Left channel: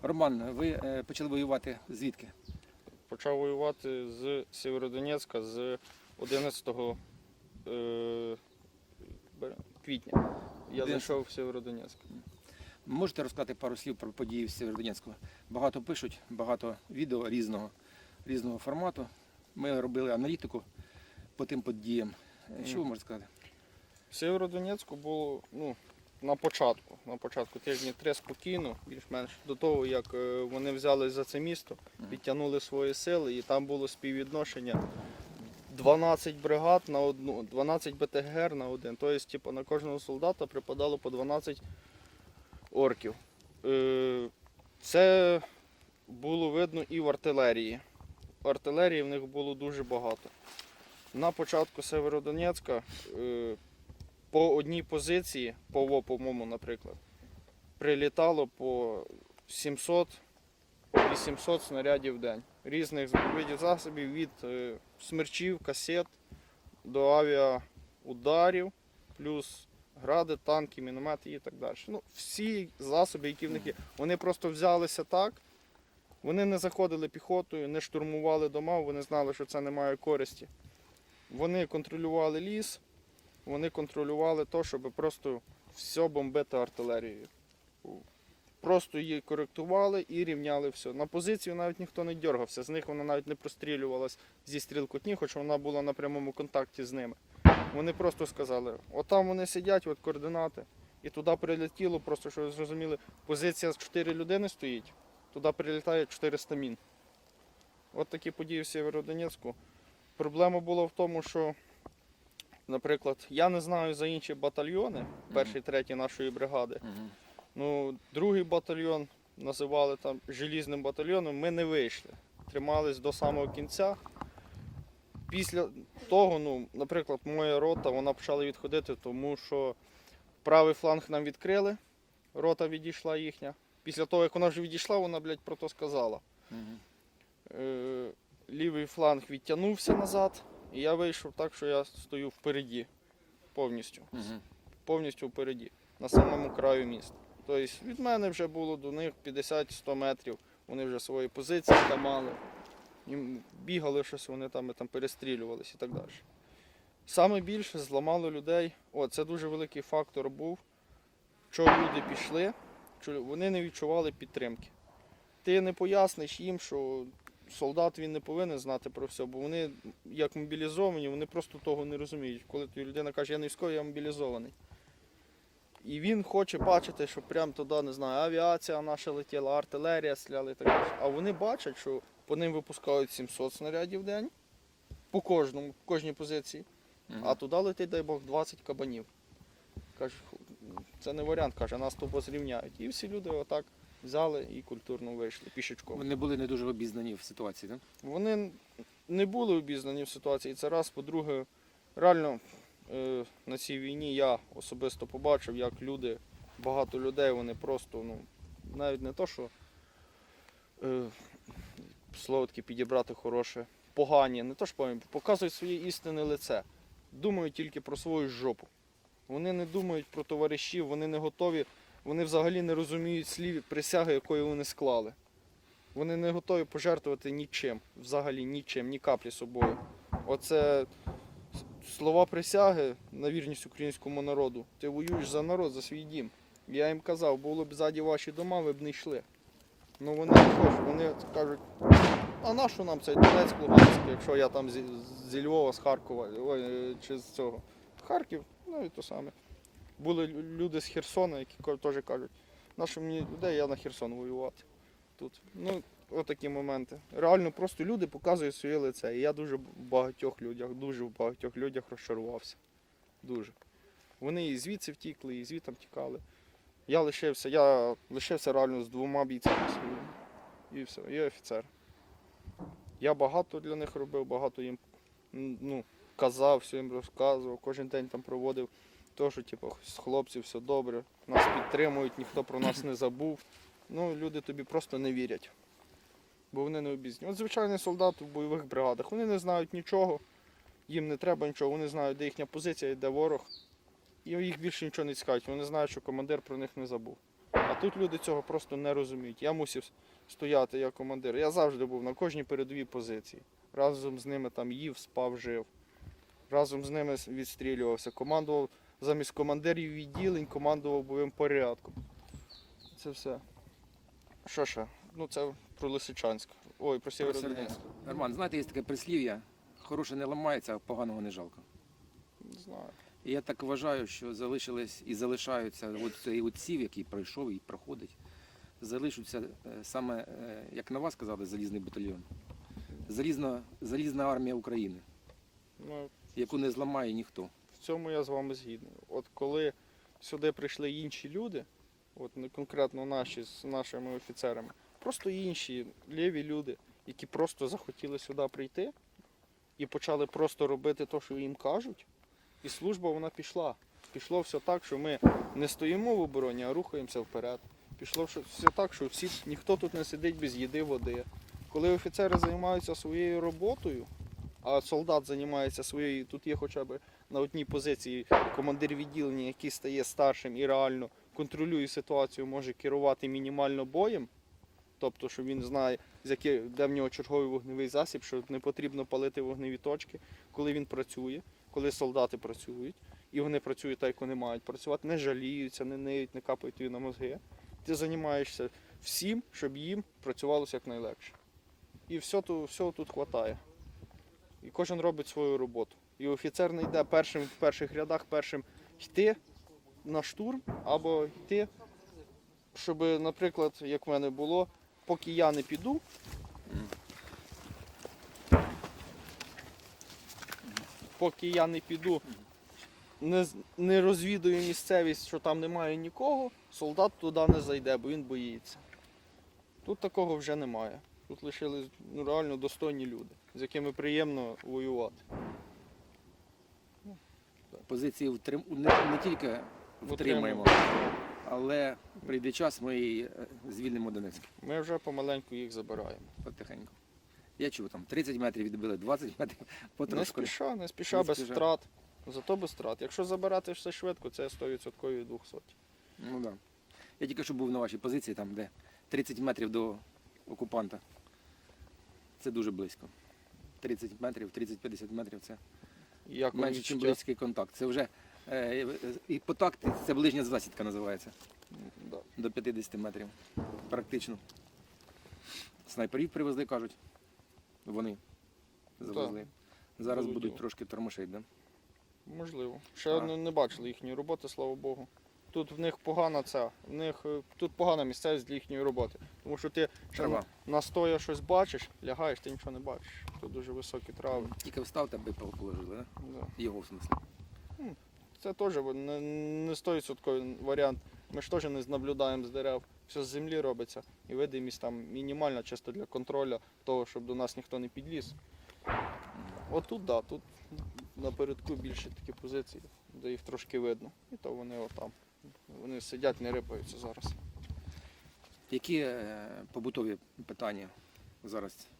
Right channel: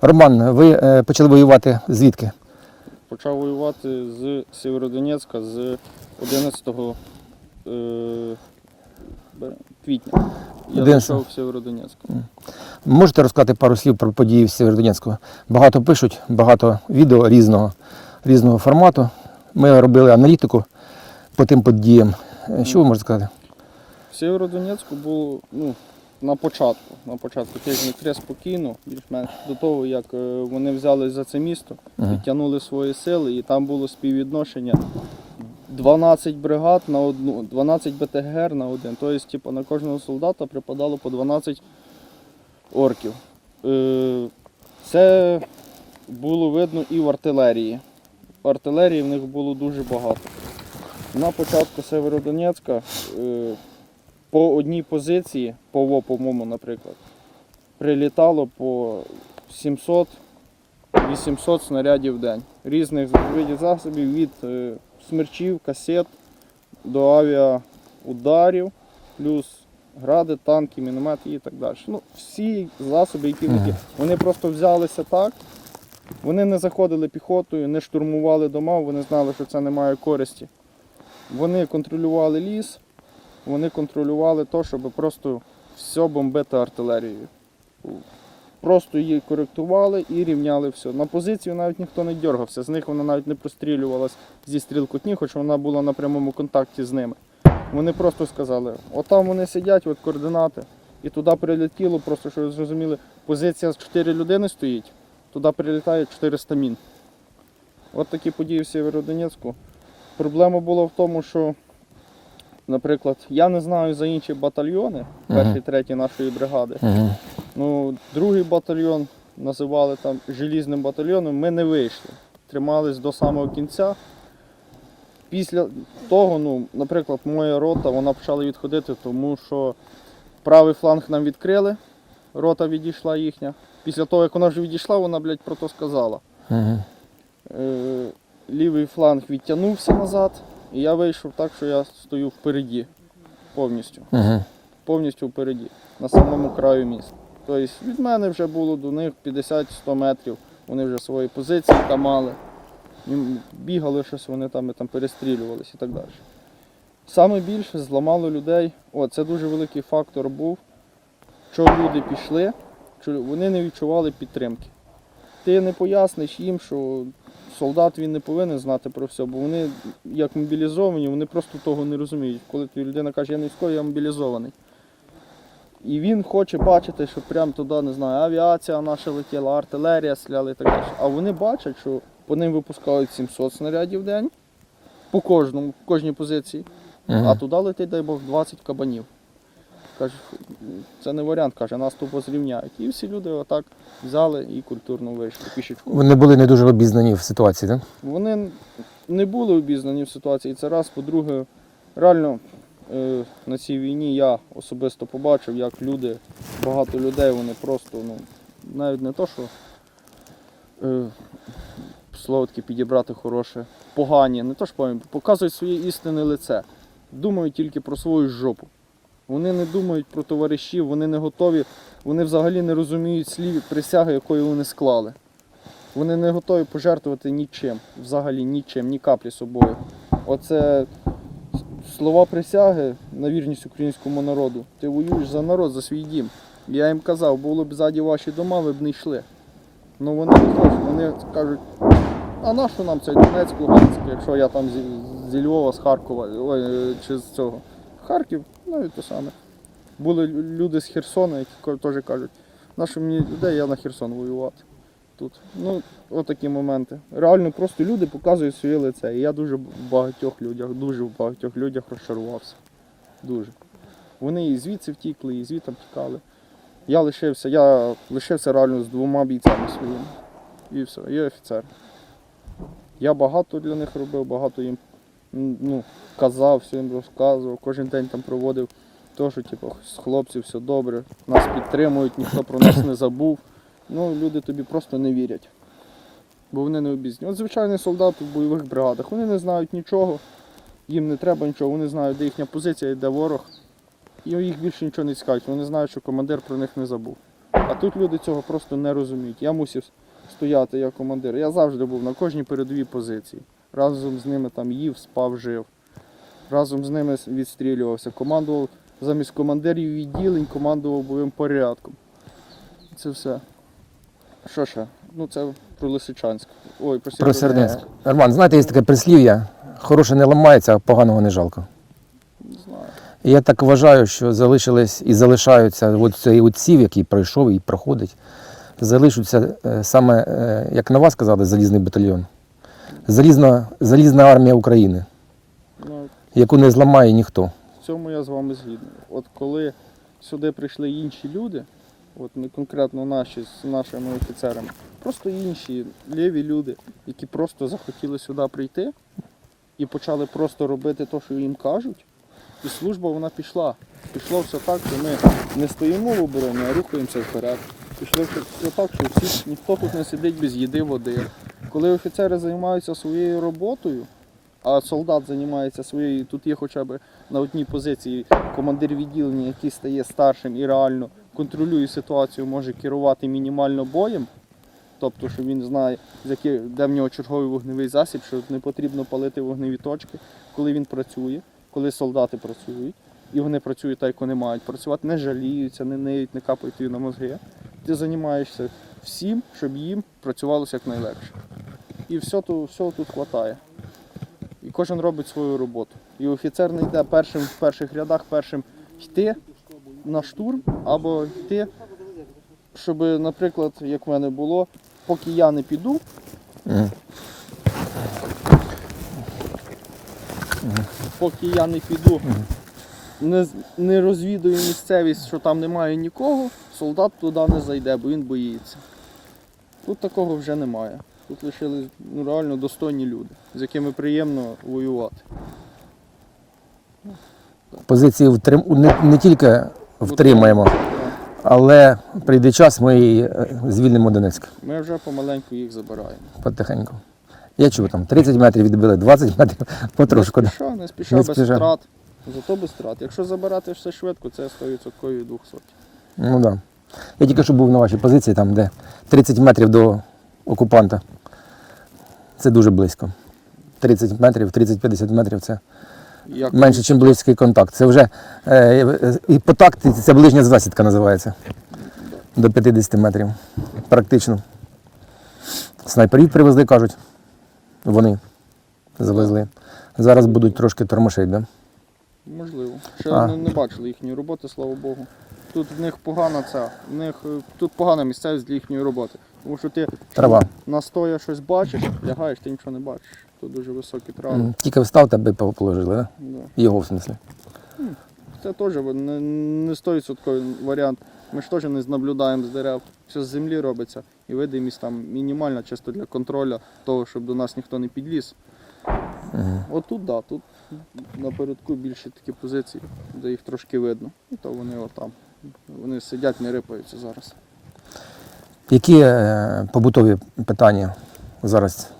Роман, ви е, почали воювати звідки? Почав воювати з Сєвєродонецька з 11 е, квітня. Я 11. пішов в Сєвєродонецьк. Можете розказати пару слів про події в Сєвєродонецьку? Багато пишуть, багато відео різного, різного формату. Ми робили аналітику по тим подіям. Е, Що ви можете сказати? В Сєвєродонецьку було ну, на початку. На початку тижні три спокійно, більш-менш до того, як е, вони взяли за це місто, підтягнули свої сили, і там було співвідношення 12 бригад на одну, 12 БТГР на один. Тобто, типу, на кожного солдата припадало по 12 орків. Е, Це було видно і в артилерії. Артилерії в них було дуже багато. На початку Северодонецька е, по одній позиції, по ВО, по-моєму, наприклад, прилітало по 700-800 снарядів в день. Різних видів засобів від е, смерчів, касет до авіаударів, плюс гради, танки, міномети і так далі. Ну, всі засоби, які є. Вони просто взялися так. Вони не заходили піхотою, не штурмували дома, вони знали, що це не має користі. Вони контролювали ліс, вони контролювали те, щоб просто все бомбити артилерією. Просто її коректували і рівняли все. На позицію навіть ніхто не дергався, з них вона навіть не прострілювалась зі стрілкотні, хоч вона була на прямому контакті з ними. Вони просто сказали, отам вони сидять, от координати, і туди прилетіло, просто щоб ви зрозуміли, позиція з 4 людини стоїть, туди прилітає 400 мін. От такі події в Сєвєродонецьку. Проблема була в тому, що, наприклад, я не знаю за інші батальйони, перший, третій нашої бригади. Ну, другий батальйон називали там желізним батальйоном, ми не вийшли. Тримались до самого кінця. Після того, ну, наприклад, моя рота вона почала відходити, тому що правий фланг нам відкрили, рота відійшла їхня. Після того, як вона вже відійшла, вона, блядь, про то сказала. Е, лівий фланг відтягнувся назад, і я вийшов так, що я стою впереді повністю. Угу. Повністю впереді, на самому краю міста. Тобто від мене вже було до них 50-100 метрів. Вони вже свої позиції там мали. Їм бігали щось, вони там, і там перестрілювалися і так далі. Саме більше зламало людей. О, це дуже великий фактор був, що люди пішли, що вони не відчували підтримки. Ти не поясниш їм, що солдат він не повинен знати про все, бо вони як мобілізовані, вони просто того не розуміють. Коли людина каже, я не військовий, я мобілізований. І він хоче бачити, що прямо туди, не знаю, авіація наша летіла, артилерія стріляла і так далі. А вони бачать, що по ним випускають 700 снарядів в день, по кожному, по кожній позиції, а туди летить, дай Бог, 20 кабанів. Каже, це не варіант, каже, нас тупо зрівняють. І всі люди отак взяли і культурно вийшли пішечку. Вони були не дуже обізнані в ситуації, так? Вони не були обізнані в ситуації. Це раз, по-друге, реально е, на цій війні я особисто побачив, як люди, багато людей, вони просто, ну, навіть не то, що е, слово таке підібрати хороше, погані, не то що погані, показують своє істинне лице. Думають тільки про свою жопу. Вони не думають про товаришів, вони не готові, вони взагалі не розуміють слів присяги, якої вони склали. Вони не готові пожертвувати нічим, взагалі нічим, ні каплі собою. Оце слова присяги на вірність українському народу. Ти воюєш за народ, за свій дім. Я їм казав, було б ззаді ваші дома, ви б не йшли. Ну вони не хочуть, вони кажуть, а на що нам цей Донецьк, Луганськ, якщо я там зі, зі Львова, з Харкова, ой, чи з цього. Харків, навіть те саме. Були люди з Херсона, які теж кажуть, на що мені людей, я на Херсон воювати тут. Ну, отакі моменти. Реально просто люди показують своє лице. І я дуже в багатьох людях, дуже в багатьох людях розчарувався. Дуже. Вони і звідси втікли, і звідти втікали. Я лишився, я лишився реально з двома бійцями своїми. І все, і офіцер. Я багато для них робив, багато їм ну, казав, все їм розказував, кожен день там проводив. То, що типу, з хлопців все добре, нас підтримують, ніхто про нас не забув. Ну, люди тобі просто не вірять. Бо вони не обізнані. От звичайний солдат в бойових бригадах, вони не знають нічого, їм не треба нічого, вони знають, де їхня позиція, де ворог. І їх більше нічого не цікавить. Вони знають, що командир про них не забув. А тут люди цього просто не розуміють. Я мусив стояти як командир. Я завжди був на кожній передовій позиції. Разом з ними там їв, спав, жив. Разом з ними відстрілювався. Командував замість командирів відділень, командував бойовим порядком. Це все. Що ще? Ну це про Лисичанськ. Ой, про Про. Серденськ. Роман, знаєте, є таке прислів'я, хороше не ламається, а поганого не жалко. Не знаю. І я так вважаю, що залишились і залишаються от цей отсів, який пройшов і проходить, залишаться е, саме, е, як на вас сказали, залізний батальйон. Залізна, залізна армія України, Ну, яку не зламає ніхто. В цьому я з вами згідний. От коли сюди прийшли інші люди, от не конкретно наші з нашими офіцерами, просто інші ліві люди, які просто захотіли сюди прийти і почали просто робити те, що їм кажуть. І служба вона пішла. Пішло все так, що ми не стоїмо в обороні, а рухаємося вперед. Пішло все все так, що всі, ніхто тут не сидить без їди води. Коли офіцери займаються своєю роботою, а солдат займається своєю, тут є хоча б на одній позиції командир відділення, який стає старшим і реально контролює ситуацію, може керувати мінімально боєм. Тобто, що він знає, де в нього черговий вогневий засіб, що не потрібно палити вогневі точки, коли він працює, коли солдати працюють, і вони працюють так, як вони мають працювати, не жаліються, не ниють, не капають тобі на мозги. Ти займаєшся всім, щоб їм працювалося якнайлегше. І все тут, всього тут вистачає. І кожен робить свою роботу. І офіцер не йде першим в перших рядах, першим йти на штурм або йти, щоб, наприклад, як в мене було, поки я не піду, поки я не піду, не, не розвідую місцевість, що там немає нікого, солдат туди не зайде, бо він боїться. Тут такого вже немає. Тут лишились ну, реально достойні люди, з якими приємно воювати. Позиції втрим... не, не тільки втримаємо, але прийде час, ми і е, звільнимо Донецьк Ми вже помаленьку їх забираємо. потихеньку. Я чув, там 30 метрів відбили, 20 метрів потрошку. Не спіша, не спіша, Не без втрат. Зато без втрат. Якщо забирати все швидко, це 100% 200. Ну так. Да. Я тільки що був на вашій позиції, там, де 30 метрів до окупанта. Це дуже близько. 30 метрів, 30-50 метрів це Як менше, ніж близький контакт. Це вже е, е, і по тактиці це ближня засідка називається. До 50 метрів. Практично. Снайперів привезли, кажуть. Вони завезли. Зараз будуть трошки тормошить, да? Можливо. Ще А. не, не бачили їхньої роботи, слава Богу. Тут в них погана ця, в них е, тут погана місцевість для їхньої роботи. Тому що ти Трава. на стоя щось бачиш, лягаєш, ти нічого не бачиш. Тут дуже високі трави. М, Тільки встав, тебе положили, да? Да. Його в смислі. Це теж не, не 100% варіант. Ми ж теж не наблюдаємо з дерев. Все з землі робиться. І видимість там мінімальна, чисто для контролю того, щоб до нас ніхто не підліз. Мгм. От тут, да, тут напередку більше такі позиції, де їх трошки видно. І то вони отам. Вони сидять, не рипаються зараз. Які е, побутові питання зараз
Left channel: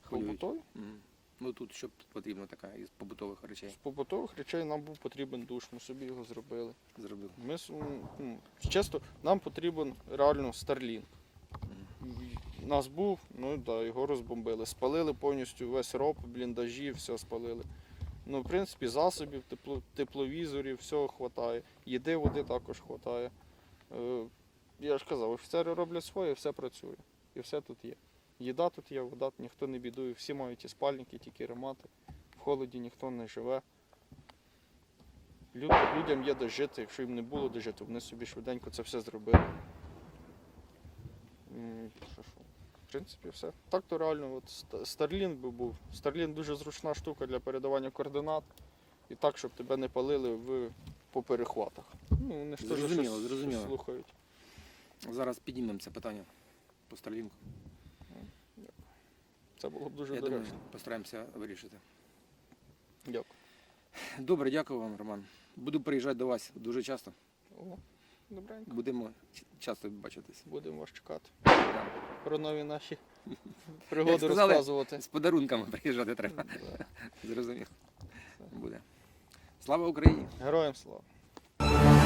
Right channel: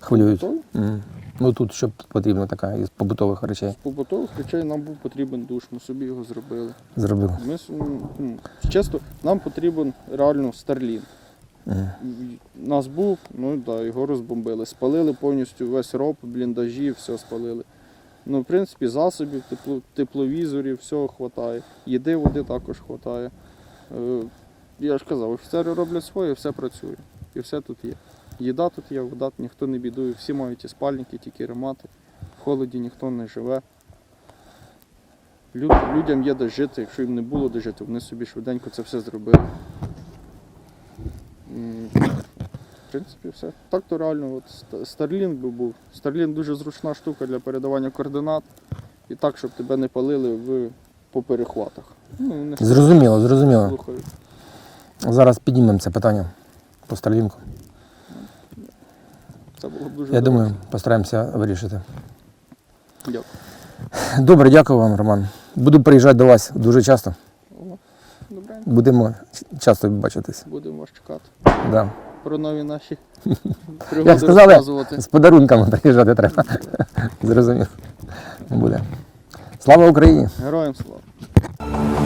хвилюють? М. Ну тут що потрібно така із побутових речей З побутових речей нам був потрібен душ, ми собі його зробили. зробили. Ми, чесно, нам потрібен реально старлін. Мгм. Нас був, ну да, його розбомбили. Спалили повністю весь роб, бліндажі, все спалили. Ну, в принципі, засобів, тепло, тепловізорів, всього вистачає. Їди, води також вистачає. Я ж казав, офіцери роблять своє, все працює. І все тут є. Їда тут є, вода, ніхто не бідує, всі мають і спальники, тільки ремати. В холоді ніхто не живе. Люд, людям є де жити, якщо їм не було де жити, вони собі швиденько це все зробили. В принципі, все. Так то реально, от Starlink би був. Starlink дуже зручна штука для передавання координат. І так, щоб тебе не палили в, по перехватах. Ну, не Зрозуміло, зрозуміло. слухають. Зараз піднімемо це питання по Старлінку. Це було б дуже Я думаю, постараємося вирішити. Дякую. Добре, дякую вам, Роман. Буду приїжджати до вас дуже часто. Добре, Будемо часто бачитись. будемо вас чекати. Да. Про нові наші пригоди сказали, розказувати. З подарунками приїжджати треба. Зрозумів. Буде. Слава Україні! Героям слава.